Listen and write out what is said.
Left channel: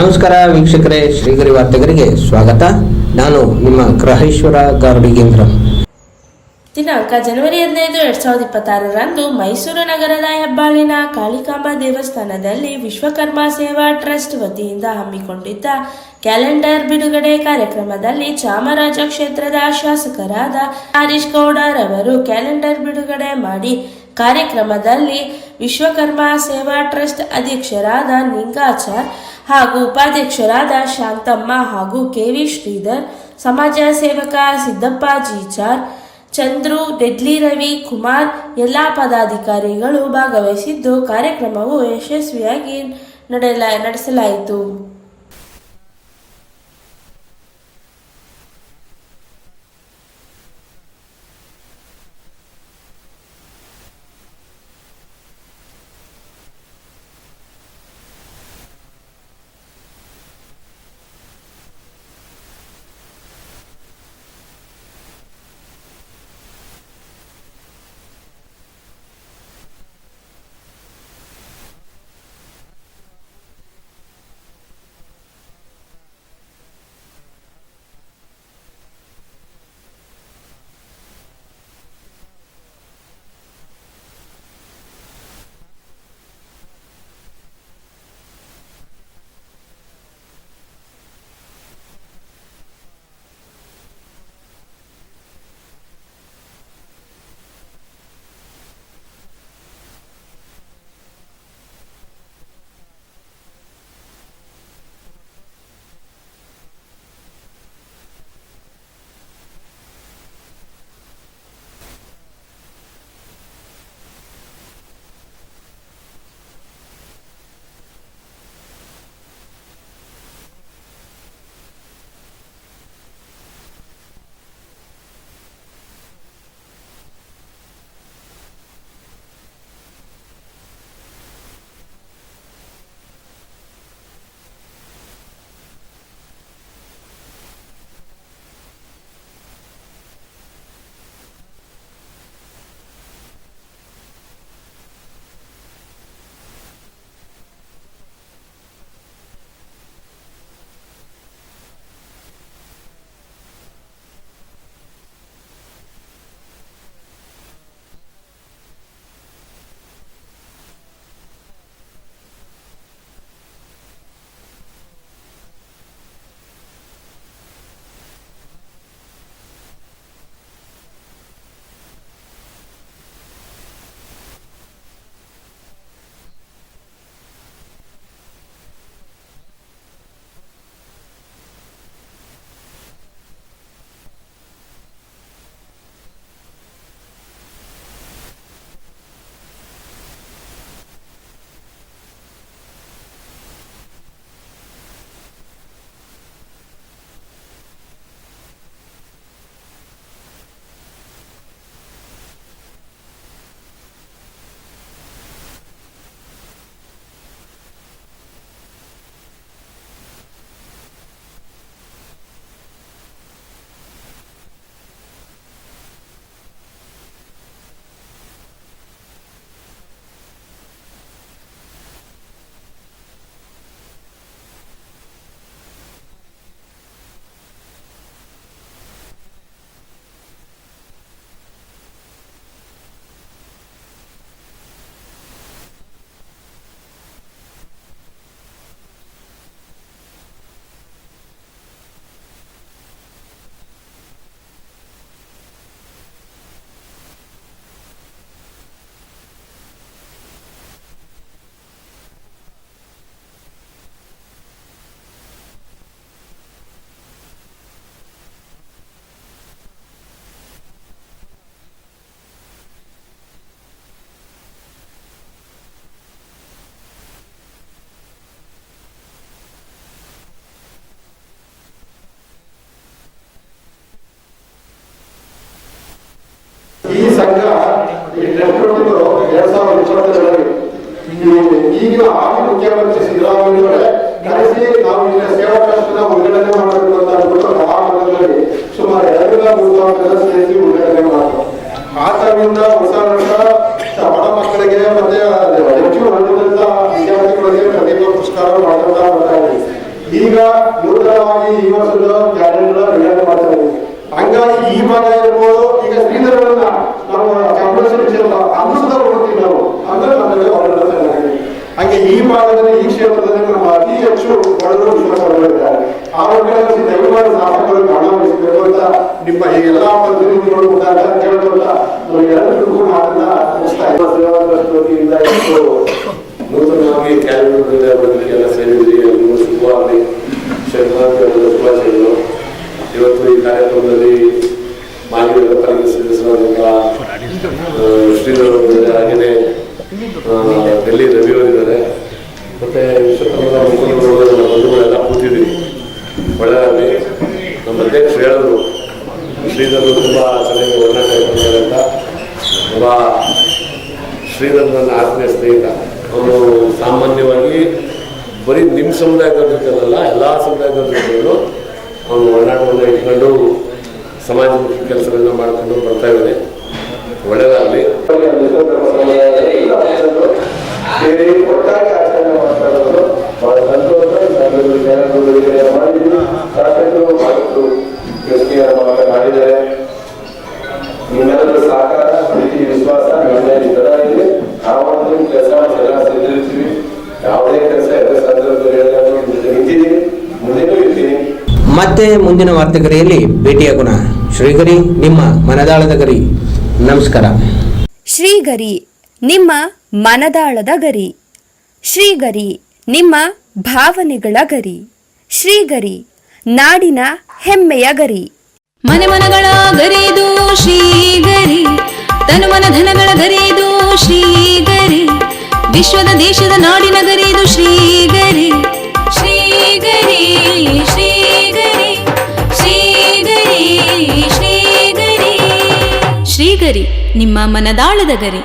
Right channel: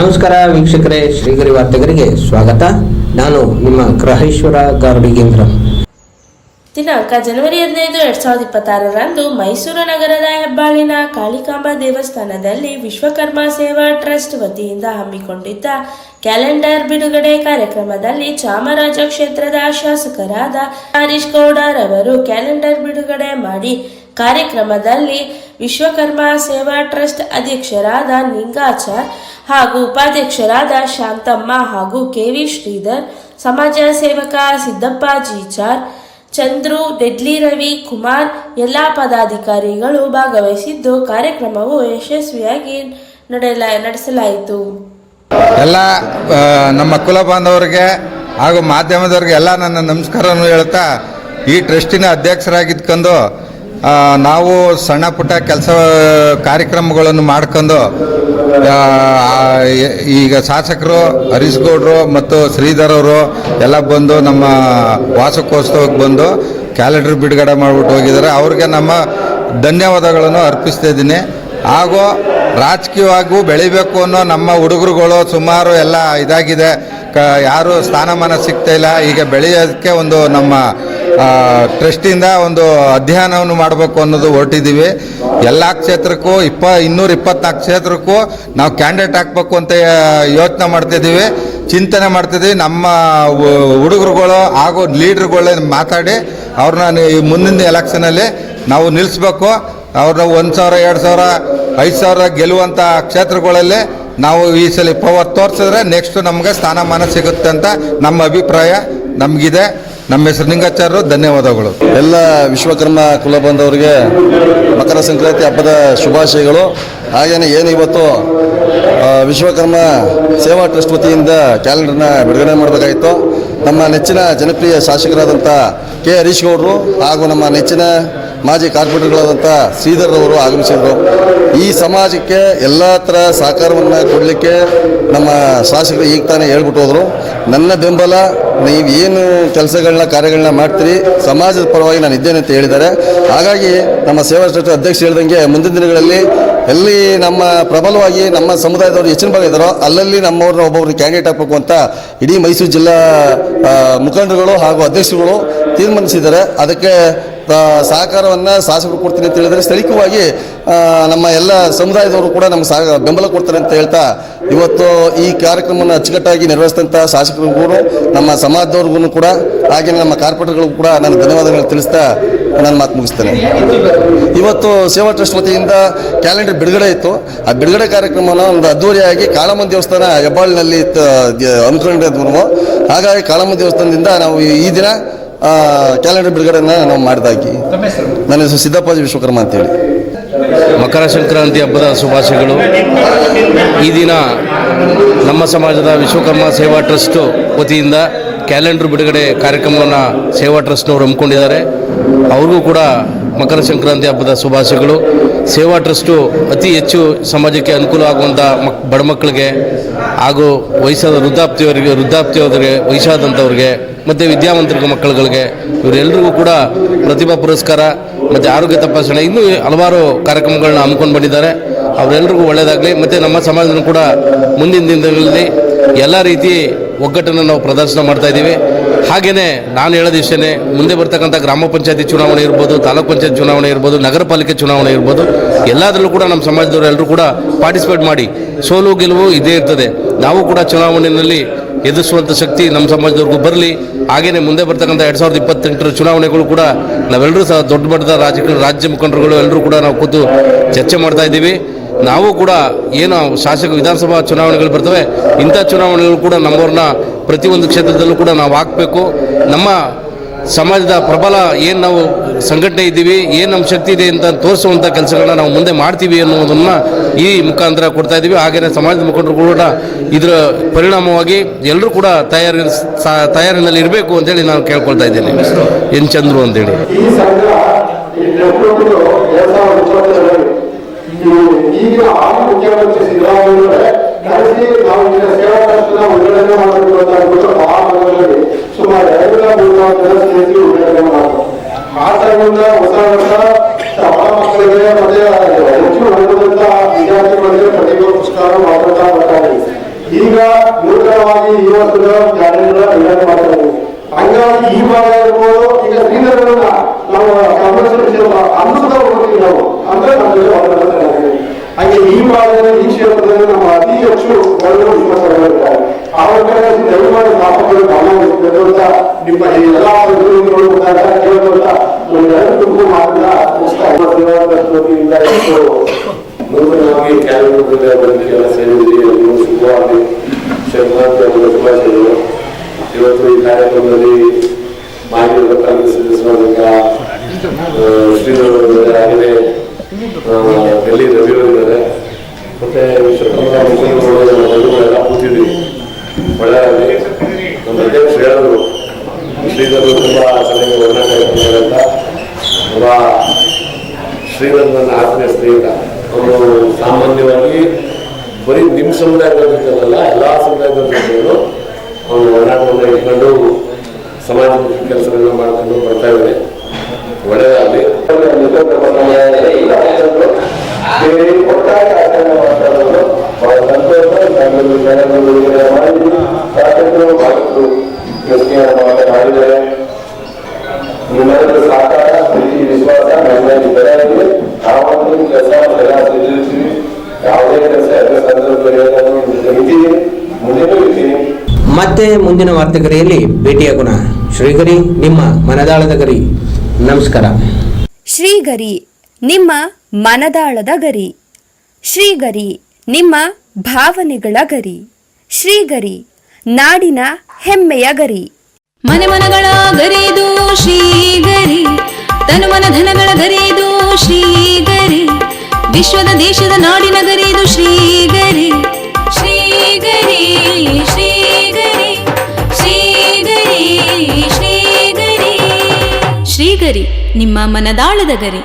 ನಮಸ್ಕಾರ ವೀಕ್ಷಕರೇ, ಶ್ರೀಗರಿ ವಾರ್ತೆಗರಿಗೆ ಸ್ವಾಗತ. ನಾನು ನಿಮ್ಮ ಗ್ರಹೇಶ್ವರ ಗಾರುಡಿಗೇಂದ್ರ. ದಿನಾಂಕ ಜನವರಿ 15, 2026ರಂದು ಮೈಸೂರು ನಗರದ ಹೆಬ್ಬಾಳಿನ ಕಾಳಿಕಾಂಬಾ ದೇವಸ್ಥಾನದಲ್ಲಿ ವಿಶ್ವಕರ್ಮ ಸೇವಾ ಟ್ರಸ್ಟ್ ವತಿಯಿಂದ ಹಮ್ಮಿಕೊಂಡಿದ್ದ ಕ್ಯಾಲೆಂಡರ್ ಬಿಡುಗಡೆ ಕಾರ್ಯಕ್ರಮದಲ್ಲಿ ಚಾಮರಾಜ ಕ್ಷೇತ್ರದ ಶಾಸಕರಾದ ಹರೀಶ್ ಗೌಡರವರು ಕ್ಯಾಲೆಂಡರ್ ಬಿಡುಗಡೆ ಮಾಡಿ ಕಾರ್ಯಕ್ರಮದಲ್ಲಿ ವಿಶ್ವಕರ್ಮ ಸೇವಾ ಟ್ರಸ್ಟ್ ಅಧ್ಯಕ್ಷರಾದ ನಿಂಗಾಚಾರ್ ಹಾಗೂ ಉಪಾಧ್ಯಕ್ಷರಾದ ಶಾಂತಮ್ಮ ಹಾಗೂ ಕೆವಿ ಶ್ರೀಧರ್, ಸಮಾಜ ಸೇವಕ ಸಿದ್ದಪ್ಪ ಜೀಚಾರ್, ಚಂದ್ರು, ಡೆಡ್ಲಿ ರವಿ ಕುಮಾರ್ ಎಲ್ಲ ಪದಾಧಿಕಾರಿಗಳು ಭಾಗವಹಿಸಿದ್ದು ಕಾರ್ಯಕ್ರಮವು ಯಶಸ್ವಿಯಾಗಿ ನಡೆಸಲಾಯಿತು. ಎಲ್ಲ ನಮ್ಮ ಕುಲ ಬಾಂಧವರಿಗೆ ಹಾಗೂ ಮಾಧ್ಯಮದವರಿಗೆ ಎಲ್ಲ ನನ್ನ ನಮಸ್ಕಾರವನ್ನು ಹೇಳ್ತಾ, ಈ ಟ್ರಸ್ಟಿನ ಅಧ್ಯಕ್ಷರಾಗಿದ್ಕೊಂಡು ನಾವು ಸಣ್ಣ ಪುಟ್ಟ ಕೆಲಸ ಕಾರ್ಯಕ್ರಮಗಳನ್ನು ಮಾಡ್ಕೊಂಡು ಈಗ ಶಾಸಕರು ಹರೀಶ್ ಗೌಡರು ಮತ್ತು ಶ್ರೀಧರ್ ಅವರು ಎಲ್ಲ ಬಂದು ನಮ್ಮ ವಾರ್ಷಿಕೋತ್ಸವಕ್ಕೆ ಬಂದು ಕ್ಯಾಲೆಂಡರ್ ಬಿಡುಗಡೆ ಮಾಡಿಬಿಟ್ಟು ಹೋಗಿದ್ದಾರೆ. ಅವ್ರಿಗೆ ನಮ್ಮ ಧನ್ಯವಾದಗಳನ್ನು ಅರ್ಪಿಸ್ತಾ ಇದ್ದೀನಿ. ಹಾಗೂ ರಾಜಕೀಯವಾಗೂ ಬೆಳಿಬೇಕು ಅನ್ನೋ ನಮ್ಮ ಹುಡುಗರುಗಳು ಸುಮಾರು ಎಲ್ಲ ಇದಾಗಿದೆ, ಯಾರು ಸ್ಥಾನಮಾನ ಸಿಗ್ತಾ ಇಲ್ಲ. ಈಗ ಬೆಳೆಯೋದಕ್ಕೆ ಒಂದು ನಮ್ಮ ಟ್ರಸ್ಟಿಂದ ಒಂದು ಅಧ್ಯಯನವನ್ನು ಮಾಡಬೇಕು ಅನ್ನೋದು ಹೊರಟಿದ್ದೀವಿ. ಎಲ್ಲ ಕ್ಷೇತ್ರಕ್ಕೂ 224 ಕ್ಷೇತ್ರಕ್ಕೂ ನಾವು ಕ್ಯಾಂಡಿಡೇಟ್ ಹಾಕಬೇಕು ಅಂತ ಯೋಚನೆ ಮಾಡ್ತಿದ್ದೀವಿ, ಚಿಂತನೆ ಮಾಡ್ತಿದ್ದೀವಿ. ನಮ್ಮ ಹುಡುಗರುಗಳು ಹಾಗೂ ಲೀಡ್ರುಗಳೇ ಮಾತಾಡಿ ಅವ್ರನ್ನ ಈ ಮುಂದಿನ ಎಲೆಕ್ಷನಲ್ಲಿ ನಾವು ನಿಲ್ಲಿಸ್ಬೇಕು. ಅವ್ರನ್ನ 1,000, 2,000, 5,000 ಗೆಲ್ಲುವಂಥ ಕ್ಷೇತ್ರಗಳಲ್ಲಿ ನಾವು ಈ ಸಲ ಪವರ್ ತೋರಿಸಿದ್ರೆ ನೆಕ್ಸ್ಟ್ ನಮಗೆ ಸ್ಥಾನಮಾನ ಸಿಗುತ್ತೆ ಅಂತ ನಮ್ಮ ಅಭಿಪ್ರಾಯ ನಮಗಿದೆ. ನಮ್ಮ ಹೆಸರು ನಿಂಗಾಚಾರ್ಯರು. ಧನ್ಯವಾದಗಳು. ಎಲ್ಲ ವಿಶ್ವಕರ್ಮ ಕುಲ ಬಾಂಧವರಿಗೆ ಮಕರ ಸಂಕ್ರಾಂತಿ ಹಬ್ಬದ ಶುಭಾಶಯಗಳು. ಹಾಗೆಯೇ ಏನು ಇವತ್ತು ವಿಶ್ವಕರ್ಮ ಸೇವಾ ಟ್ರಸ್ಟ್ ವತಿಯಿಂದ ಕ್ಯಾಲೆಂಡರ್ನ ಬಿಡುಗಡೆ ಮಾಡಬೇಕಾಯಿತು. ನಮ್ಮ ನೆಚ್ಚಿನ ಜನಪ್ರಿಯ ಶಾಸಕರಾದಂಥ ಕೆ ಹರೀಶ್ ಗೌಡರು ಹಾಗೂ ನಮ್ಮ ನೆಚ್ಚಿನ ಮಾಜಿ ಕಾರ್ಪೊರೇಟರ್ಗಳಾದಂಥ ಶ್ರೀಧರ್ ಅವರು ಆಗಮಿಸಿದರು. ಈ ಸಮಾಜಕ್ಕೆ ಎಲ್ಲ ಥರ ಸಹಕಾರವನ್ನು ಕೊಡಲಿಕ್ಕೆ ನಮ್ಮ ಶಾಸಕರು ಈಗ ತಾನೇ ಹೇಳ್ಬಿಟ್ಟು ಹೋದರು. ನನ್ನ ಬೆಂಬಲ, ನೀವು ಏನು ಕೆಲಸಗಳನ್ನ ಕಾರ್ಯಗಳನ್ನ ಮಾಡ್ತೀರಿ ಸಮಾಜದ ಪರವಾಗಿ ನಾನು ಇದ್ದೇನೆ ಅಂತ ಹೇಳಿದ್ದಾರೆ. ಹಾಗಾಗಿ ನಮ್ಮ ಸೇವಾ ಟ್ರಸ್ಟ್ ಅಧ್ಯಕ್ಷ ಹೇಳ್ದಂಗೆ ಮುಂದಿನ ದಿನಗಳಲ್ಲಿ ಎಲ್ಲಿ ನಮ್ಮ ಪ್ರಬಲವಾಗಿ ನಮ್ಮ ಸಮುದಾಯದವರು ಹೆಚ್ಚಿನ ಭಾಗ ಇದ್ದಾರೋ ಅಲ್ಲಲ್ಲಿ ನಮ್ಮವ್ರನ್ನ ಒಬ್ಬೊಬ್ಬರು ಕ್ಯಾಂಡಿಡೇಟ್ ಹಾಕಬೇಕು ಅಂತ ಇಡೀ ಮೈಸೂರು ಜಿಲ್ಲಾ ಮುಖಂಡರುಗಳು ಹಾಗೂ ಅಧ್ಯಕ್ಷರುಗಳು ತೀರ್ಮಾನಿಸಿದ್ದಾರೆ. ಅದಕ್ಕೆ ಸಹಕಾರವನ್ನು ಶಾಸಕರು ಕೊಡ್ತೀನಿ ಅಂತ ಹೇಳಿದರೆ ಸ್ಥಳೀಯವಾಗಿ ನಮ್ಮ ಎಲ್ಲ ಸಮುದಾಯದವರು ಕೂಡ ನಮ್ಗೆ ಬೆಂಬಲ ಕೊಡ್ತಾರೆ ಅಂತ ಹೇಳ್ತಾ ಇವತ್ತು ಈ ಕಾರ್ಯಕ್ರಮವನ್ನು ಅಚ್ಚುಕಟ್ಟಾಗಿ ನಿರ್ವಹಿಸಿದಂಥ ಶಾಸಕರಿಗೂ ನಮ್ಮ ಸಮಾಜದವ್ರಿಗೂ ಕೂಡ ಹಾಗೆಯೇ ನಮ್ಮ ಕಾರ್ಪೊರೇಟರ್ಗಳಿಗೂ ಕೂಡ ನಾನು ಧನ್ಯವಾದಗಳನ್ನು ತಿಳಿಸ್ತಾ ನಾನು ಮಾತು ಮುಗಿಸ್ತೇನೆ. ಇವತ್ತು ಸೇವಾ ಟ್ರಸ್ಟ್ ವತಿಯಿಂದ ಕ್ಯಾಲೆಂಡರ್ ಬಿಡುಗಡೆ ಇತ್ತು. ಆ ಬಿಡುಗಡೆ ಕಾರ್ಯಕ್ರಮವನ್ನು ಒಂದು ಅದ್ದೂರಿಯಾಗಿ ಕಾಳಮ್ಮ ದೇವಸ್ಥಾನ ಹೆಬ್ಬಾಳಿನಲ್ಲಿ ಹಮ್ಮಿಕೊಂಡಿದ್ವು. ಹಾಗಾಗಿ ಕಾಳಮ್ಮ ದೇವಸ್ಥಾನದಿಂದ ನಾವು ಈ ದಿನ ಕ್ಯಾಲೆಂಡರ್ ಬಿಡುಗಡೆಯನ್ನು ನಾವು ಮಾಡಿದಾಗಿ. ನನ್ನ ಹೆಸರು ಸಿದ್ದಪ್ಪಾಜಿ ವಿಶ್ವಕರ್ಮ ಅಂತೇಳಿ. ಮಕರ ಸಂಕ್ರಾಂತಿ ಹಬ್ಬದ ಶುಭಾಶಯಗಳು. ಈ ದಿನ ನಮ್ಮ ಸಮಾಜದ ವಿಶ್ವಕರ್ಮ ಸೇವಾ ಟ್ರಸ್ಟ್ ವತಿಯಿಂದ ಕ್ಯಾಲೆಂಡರ್ ಬಿಡುಗಡೆ ಕಾರ್ಯಕ್ರಮವನ್ನು ಸೇವಾ ಟ್ರಸ್ಟ್ನವರು ಹಮ್ಮಿಕೊಂಡಿದ್ದಾರೆ. ಅವ್ರಿಗೂ ಕೂಡ ಮಕರ ಸಂಕ್ರಾಂತಿ ಹಬ್ಬದ ಶುಭಾಶಯಗಳು. ಸೇವಾ ಟ್ರಸ್ಟು ಅತಿ ಹೆಚ್ಚು ಸಮಾಜಕ್ಕೆ ಅನುಕೂಲ ಆಗುವಂಥ ಬಡ ಮಕ್ಕಳಿಗೆ ಹಾಗೂ ವಯಸ್ಸಾದ ವೃದ್ಧಾಪ್ತಿಯವರಿಗೆ ವಯಸ್ಸಾದಂಥವ್ರಿಗೆ ಮತ್ತು ವಿದ್ಯಾವಂತರ ಮಕ್ಕಳುಗಳಿಗೆ ಇವರೆಲ್ಲರಿಗೂ ಕೂಡ ಪ್ರತಿಭಾ ಪುರಸ್ಕಾರ ಮತ್ತು ಆರೋಗ್ಯ ತಪಾಸಣೆ ಇನ್ನೂ ಹಲವಾರು ಕಾರ್ಯಕ್ರಮಗಳನ್ನ ಹಮ್ಮಿಕೊಂಡು ಬಂದಿದ್ದಾರೆ. ಅವರೆಲ್ಲರಿಗೂ ಒಳ್ಳೆಯದಾಗಲಿ. ಮತ್ತು ನಮ್ಮ ಸಮಾಜದಲ್ಲೂ ಕೂಡ ಮುಂದಿನ ದಿನಗಳಲ್ಲಿ ಎಲ್ಲ ರೀತಿ ಒಗ್ಗಟ್ಟನ್ನು ನಾವು ಪ್ರದರ್ಶನ ಮಾಡ್ತಾಯಿದ್ದೀವಿ. ಹಾಗೆಯೇ ನಾನು ಹೇಳೋದು ಇಷ್ಟೇ, ಮುಂದೆ ಬರ್ತಕ್ಕಂಥ ಗ್ರಾಮ ಪಂಚಾಯತಿ ಚುನಾವಣೆ ಇರ್ಬೋದು, ತಾಲೂಕು ಪಂಚಾಯತ್ ಚುನಾವಣೆ ಇರ್ಬೋದು, ನಗರ ಪಾಲಿಕೆ ಚುನಾವಣೆ ಇರ್ಬೋದು, ಎಲ್ಲದರಲ್ಲೂ ಕೂಡ ನಮ್ಮ ಸಮಾಜದವರು ಎಲ್ಲರೂ ಕೂಡ ಪಾರ್ಟಿಸಿಪೇಟ್ ಮಾಡಿ ಸೋಲು ಗೆಲುವು ಇದೇ ಇರ್ತದೆ. ನಾವು ಕೂಡ ಚುನಾವಣೆಯಲ್ಲಿ ಎದುರಿಸುವಂಥ ಶಕ್ತಿ ನಮ್ಮ ಸಮಾಜದವ್ರಿಗೂ ಬರಲಿ. ಹಾಗೆಯೇ ಮುಂದೆ ಬರ್ತಕ್ಕಂಥ 2028 ಚುನಾವಣೆಗಳು ಕೂಡ ನಾವೆಲ್ಲರೂ ಸಹ ದೊಡ್ಡ ಮಟ್ಟದ ರಾಜ್ಯ ಮುಖಂಡರುಗಳು ಎಲ್ಲರೂ ಕೂಡ ನಾವು ಕೂತು ಚರ್ಚೆ ಮಾಡ್ತಾ ಇದ್ದೀವಿ. ನಾವು ಕೂಡ ಏನು ಶಾಸಕ ವಿಧಾನಸಭಾ ಚುನಾವಣೆಗಳು ಬರ್ತವೆ, ಇಂಥ ಚುನಾವಣೆಗಳು ಕೂಡ ನಮ್ಮವ್ರನ್ನ ಪ್ರತಿಯೊಂದು ಕ್ಷೇತ್ರದಲ್ಲೂ ಕೂಡ ನಾವು ಹಾಕಬೇಕು. ನಮ್ಮ ಸಮಾಜದ ಪ್ರಬಲ ಏನು ನಾವು ಸಂಘಟನೆ ಇದ್ದೀವಿ, ಏನು ನಮ್ಮ ಶಕ್ತಿ ಇದೆ ಅಂತ ತೋರಿಸುವಂಥ ಕೆಲಸಗಳನ್ನ ನಾವು ಮುಂದೆ ಮಾಡ್ತೀವಿ ಅನ್ನೋದನ್ನು ಈ ಮುಖಾಂತರ ಕೊಡ್ತಾ ಇದ್ದೀವಿ. ಹಾಗೆಯೇ ಸಮಾಜದ ಮುಖಂಡರು ಕೂಡ ಇದರ ಪರಿಣಾಮವಾಗಿ ಎಲ್ಲರೂ ಕೂಡ ತಯಾರಿನಲ್ಲಿ ಇರಬೇಕು ಅಂತೇಳಿ ನಾನು ಕೇಳ್ಕೊಳ್ತಾ ಇದ್ದೇನೆ. ಎನ್ ಚಂದ್ರು ಅಂತೇಳಿ. ಈಗಿನ ಮುಖ್ಯಮಂತ್ರಿ ಸಿದ್ದರಾಮಯ್ಯ ನಡೆಸಿ ನಾವು ಈಗ ಸೇವಾ ಟ್ರಸ್ಟ್ನ ಉದ್ಘಾಟನೆ ಮಾಡಬೇಕು ಅಂತ ಅಂದ್ಬಿಟ್ಟು ಭಾರತದಲ್ಲಿ ಸುಮಾರು 2-3 ಜನ ಸೇರಿ ಉದ್ಘಾಟನೆ ಮಾಡಿದ್ರು. ಆ ತರದಿಂದ ಹೊಸ ವರ್ಷ ಬಡ ಮಕ್ಕಳಿಗೆ ಮತ್ತೆ ಹೆಚ್ಚು ಹೊಂದಿದಂತ ವಿದ್ಯಾರ್ಥಿಗಳಿಗೆ ಪ್ರತಿಭಾ ಪುರಸ್ಕಾರ ಮಾಡುತ್ತಾ ಬರ್ತಾರೆ. ಈಗ ನೂತನವಾಗಿ ಈ ವರ್ಷದ ಕ್ಯಾಲೆಂಡರ್ ಬಿಡುಗಡೆ ಮಾಡ್ತಾ ಇದ್ದೀವಿ. ಹಂಗಾಗಿ ಈ ಭಾಗ ಇರ್ಬೋದು, ಈಗ ಶ್ರೀಧರನ್ನ ನಾವು ಅನ್ನದ ಹೋಗ್ತೀವಿ ನಾವು ಅಂದ್ರೆ ನಮಗೆ ಅವರೆಲ್ಲ ಚೆನ್ನಾಗಿದೆ. ಹಾಗೆ ಈ ಭಾಗದಲ್ಲಿ ಈ ಕ್ಷೇತ್ರದಲ್ಲಿ ನಮ್ಮ ಅತಿ ಹೆಚ್ಚು ಬಡವರು ವಿಶ್ವಾಸಗಳಿದ್ದಾರೆ. ಅವ್ರ ದಯಮಾಡಿ ಸಾಧಕಗಳು ಗಮನಿಸಬೇಕು ಅಂತ ನಿಮ್ಮ ಎಲ್ಲಾ ಕೇಳೋದ ನಮ್ಗೆಲ್ಲರಿಗೂ ಮಾತ್ರ ಸೇವಾ ಟ್ರಸ್ಟ್ ವತಿಯಿಂದ ನೂತನವಾಗಿ ಕ್ಯಾಲೆಂಡರ್ ಎಲ್ಲ ಸೇರಿದ್ರಿ. ಶುಭವಾಗಿ ಸಂಕ್ರಾಂತಿ ಹಬ್ಬದ ಶುಭಾಶಯಗಳು. ಇವತ್ತು ಈ ಕಾರ್ಯಕ್ರಮದಲ್ಲಿ ಮಾಜಿ ಸದಸ್ಯರಾದ ಶ್ರೀಧರ್ ಹಾಗೆಯೇ ಡೆಲ್ಲಿ ರವಿಯವರಿದ್ದಾರೆ. ಮತ್ತೆ ವಿಶ್ವಕರ್ಮ ಬಂಧುಗಳೆಲ್ಲ ಕೂತಿದ್ವಿ. ಒಳ್ಳೆಯದಾಗಿ ನಮ್ಮ ಅಧ್ಯಕ್ಷ ಹೇಳಿದ್ರು ಶ್ರೀಧರ್ ತುಂಬ ಚೆನ್ನಾಗಿ ಒಡನಾಟ ಇರ್ತಾರೆ ಅಂತ. ಒಬ್ಬ ಶ್ರೀಧರ್ ನನ್ನ ಆತ್ಮೀಯ ಸ್ನೇಹಿತ. ಅವನು ಸಾಮಾನ್ಯವಾಗಿ ಬರೀ ನಿಮ್ಮ ಸಮುದಾಯದ ಜೊತೆಲ್ಲ ಎಲ್ಲ ಸಮುದಾಯದ ಜೊತೆಗಳು ಅವನು ಒಡನಾಟವನ್ನು ಇಟ್ಕೊಂಡು ಸಮಾಜಮುಖಿ ಕೆಲಸಗಳನ್ನ ಮಾಡ್ಕೊಂಡು ಬರ್ತಾ ಇದ್ದಾನೆ. ಒಳ್ಳೆಯದಾಗಲಿ. ಒಟ್ಟಾಗಿ ಆಚರಣೆ ಮಾಡ್ತಾರೆ. ಬಹಳ ಸಂತೋಷ. ಮಾಡಿದ್ದಾರೆ. ನಿಮ್ಮೆಲ್ಲರ ಸಹಕಾರ, ಪ್ರೀತಿ, ವಿಶ್ವಾಸ ನಮ್ಮಲ್ಲಿ ನಾವೊಂದು ಕೆಲಸ ಎಲ್ಲ ಸಿದ್ಧಿರ್ತೀವಿ. ಯಾವುದೇ ಕೆಲಸ ಎಲ್ಲ ಸಂದರ್ಭದಲ್ಲಿ ಮುಂದೆನೂ ಇರ್ತೀನಿ. ಮತ್ತೆ ಮುಂದಿನ ವಾರ್ತೆಗರಿಯಲ್ಲಿ ಭೇಟಿಯಾಗೋಣ. ಶ್ರೀಗರಿ, ನಿಮ್ಮ ಮನದಾಳದ ಗರಿ. ನಮಸ್ಕಾರ. ಶ್ರೀಗರಿ, ನಿಮ್ಮ ಮನದಾಳದ ಗರಿ. ಶ್ರೀಗರಿ, ನಿಮ್ಮ ಭಾವನೆಗಳ ಗರಿ. ಶ್ರೀಗರಿ, ನಾಡಿನ ಹೆಮ್ಮೆಯ ಗರಿ. ಮನೆ ಮನಗಳ ಗರಿದು ಶ್ರೀಗರಿ, ತನು ಮನ ಧನಗಳ ಗರಿದು ಶ್ರೀಗರಿ, ವಿಶ್ವದ ದೇಶದ ನಾಡಿನ ಗರಿದು ಶ್ರೀಗರಿ. ಶ್ರೀಗರಿ ಶ್ರೀಗರಿ ಶ್ರೀಗರಿ ಶ್ರೀಗರಿ ಶ್ರೀಗರಿ, ನಿಮ್ಮ ಮನದಾಳದ ಗರಿ.